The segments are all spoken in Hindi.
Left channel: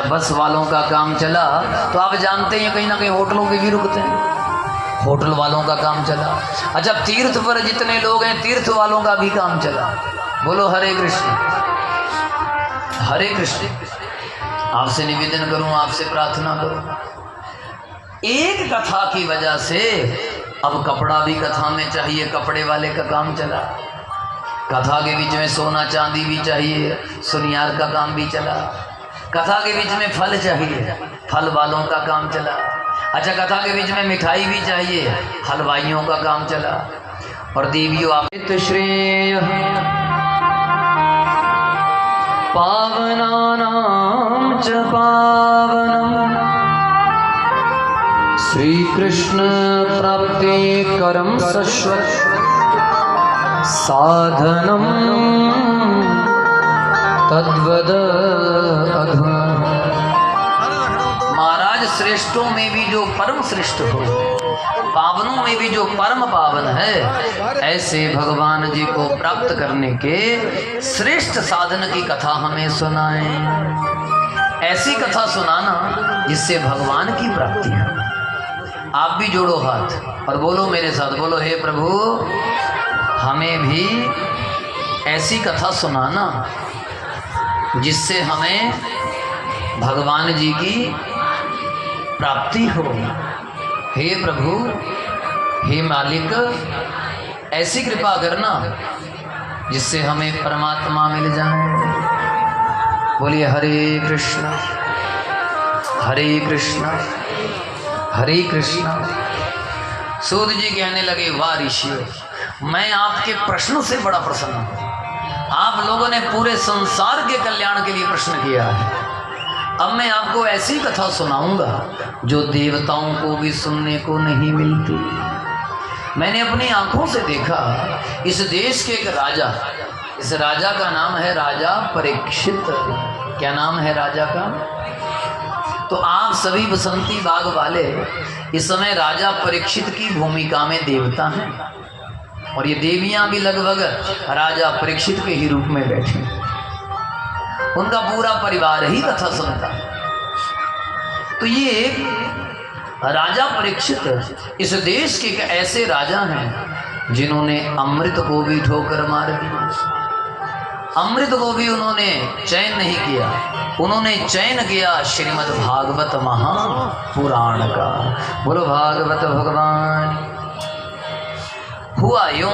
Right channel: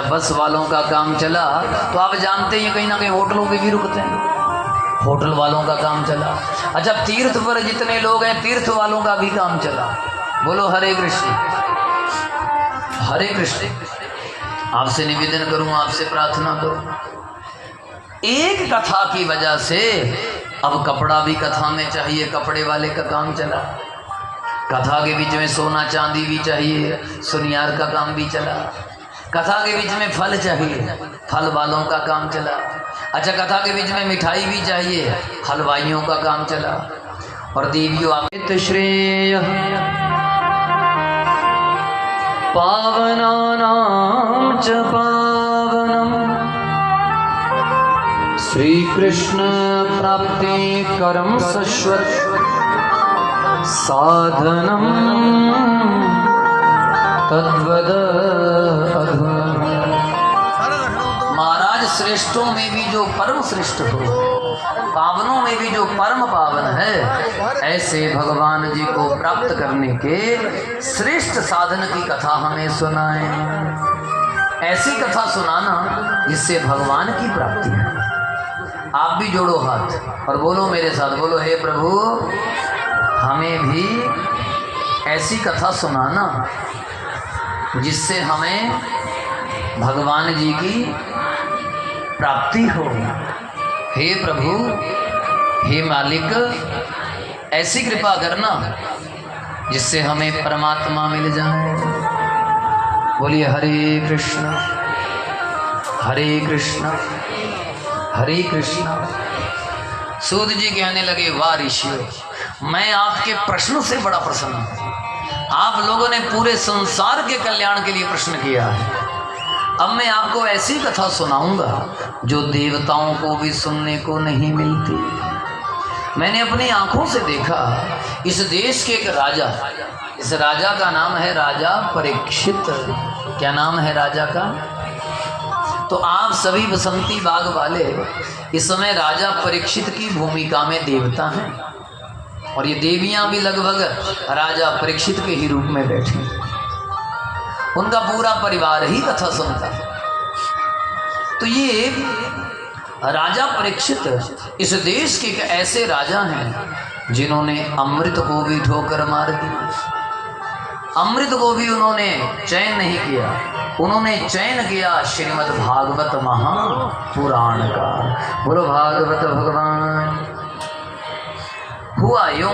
अच्छा, बस वालों का काम चला तो आप जानते हैं कहीं ना कहीं होटलों के भी रुकते हैं, होटल वालों का काम चला। अच्छा, तीर्थ पर जितने लोग हैं तीर्थ वालों का भी काम चला। बोलो हरे कृष्ण हरे कृष्ण। आपसे निवेदन करूं, आपसे प्रार्थना करूं, एक कथा की वजह से अब कपड़ा भी कथा में चाहिए, कपड़े वाले का काम चला। कथा के बीच में सोना चांदी भी चाहिए, सुनियार का काम भी चला। कथा के बीच में फल चाहिए, फल वालों का काम चला। अच्छा, कथा के बीच में मिठाई भी चाहिए, हलवाइयों का काम चला। और देवियों आप श्रेय पावनानां च पावनम् श्री कृष्ण प्राप्ते करम सश्वत साधनम तद्वद। महाराज, श्रेष्ठों में भी जो परम श्रेष्ठ हो, पावनों में भी जो परम पावन है, ऐसे भगवान जी को प्राप्त करने के श्रेष्ठ साधन की कथा हमें सुनाएं। ऐसी कथा सुनाना जिससे भगवान की प्राप्ति है। आप भी जोड़ो हाथ और बोलो मेरे साथ, बोलो हे प्रभु हमें भी ऐसी कथा सुनाना जिससे हमें भगवान जी की प्राप्ति हो। हे प्रभु, हे मालिक, ऐसी कृपा करना जिससे हमें परमात्मा मिल जाए। बोलिए हरे कृष्ण हरे कृष्ण हरे कृष्ण। सूत जी कहने लगे, वाह ऋषियों, मैं आपके प्रश्न से बड़ा प्रसन्न हूं। आप लोगों ने पूरे संसार के कल्याण के लिए प्रश्न किया है। अब मैं आपको ऐसी कथा सुनाऊंगा जो देवताओं को भी सुनने को नहीं मिलती। मैंने अपनी आंखों से देखा, इस देश के एक राजा, इस राजा का नाम है राजा परीक्षित। क्या नाम है राजा का? तो आप सभी बसंती बाग वाले इस समय राजा परीक्षित की भूमिका में देवता हैं, और ये देवियां भी लगभग राजा परीक्षित के ही रूप में बैठी। उनका पूरा परिवार ही कथा सुनता है। तो ये राजा परीक्षित इस देश के एक ऐसे राजा हैं जिन्होंने अमृत को भी ठोकर मार दी। अमृत को भी उन्होंने चयन नहीं किया, उन्होंने चयन किया श्रीमद् भागवत महापुराण का। बोलो भागवत भगवान। हुआ यूं,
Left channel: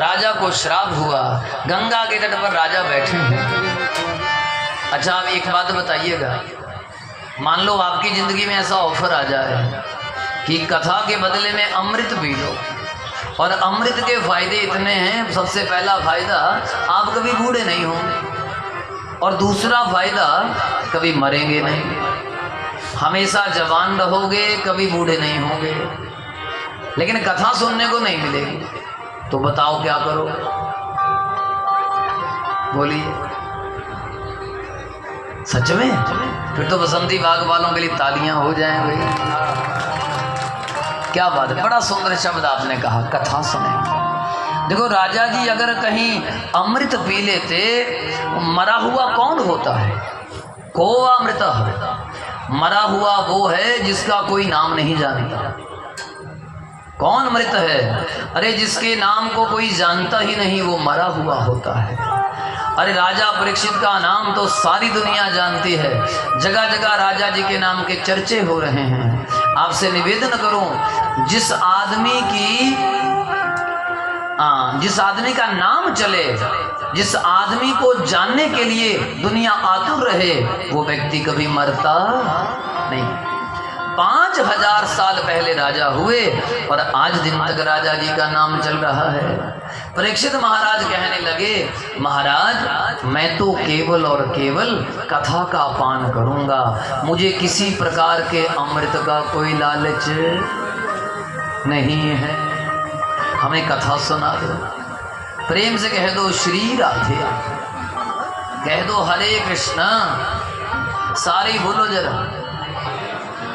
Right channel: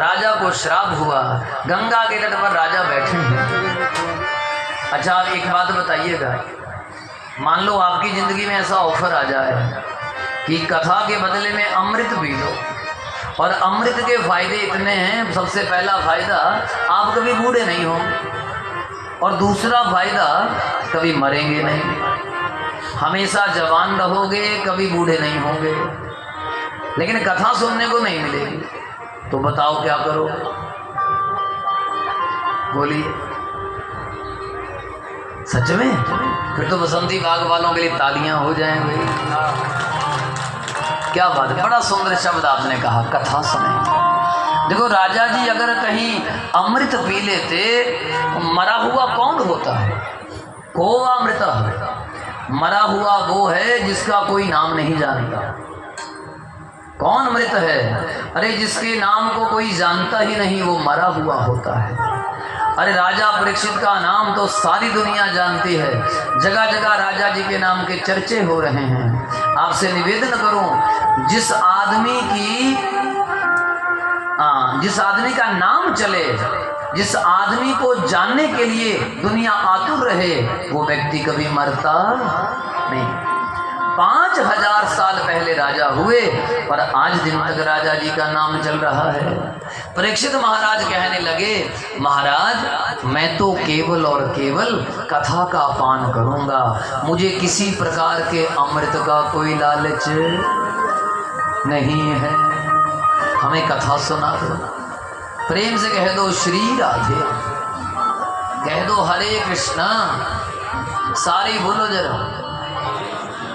राजा को श्राप हुआ। गंगा के तट पर राजा बैठे हैं। अच्छा, अब एक बात बताइएगा, मान लो आपकी जिंदगी में ऐसा ऑफर आ जाए कि कथा के बदले में अमृत पी लो, और अमृत के फायदे इतने हैं। सबसे पहला फायदा, आप कभी बूढ़े नहीं होंगे, और दूसरा फायदा, कभी मरेंगे नहीं, हमेशा जवान रहोगे, कभी बूढ़े नहीं होंगे। लेकिन कथा सुनने को नहीं मिलेगी, तो बताओ क्या करोगे? बोलिए, सच में? फिर तो बसंती बाग वालों के लिए तालियां हो जाएं भाई। क्या बात है, बड़ा सुंदर शब्द आपने कहा, कथा सुने। देखो राजा जी अगर कहीं अमृत पी लेते, मरा हुआ कौन होता है? को अमृत, मरा हुआ वो है जिसका कोई नाम नहीं जानता। कौन मृत है? अरे जिसके नाम को कोई जानता ही नहीं, वो मरा हुआ होता है। अरे राजा परीक्षित का नाम तो सारी दुनिया जानती है, जगह जगह राजा जी के नाम के चर्चे हो रहे हैं। आपसे निवेदन करूं, जिस आदमी का नाम चले, जिस आदमी को जानने के लिए दुनिया आतुर रहे, वो व्यक्ति कभी मरता नहीं। 5000 साल पहले राजा हुए और आज दिन तक राजा जी का नाम चल रहा है। परीक्षित महाराज कहने लगे, महाराज मैं तो केवल और केवल कथा का पान करूंगा, मुझे किसी प्रकार के अमृत का कोई लालच नहीं है, हमें कथा सुना दो। प्रेम से कह दो श्री राधे, कह दो हरे कृष्णा, सारे बोलो जरा।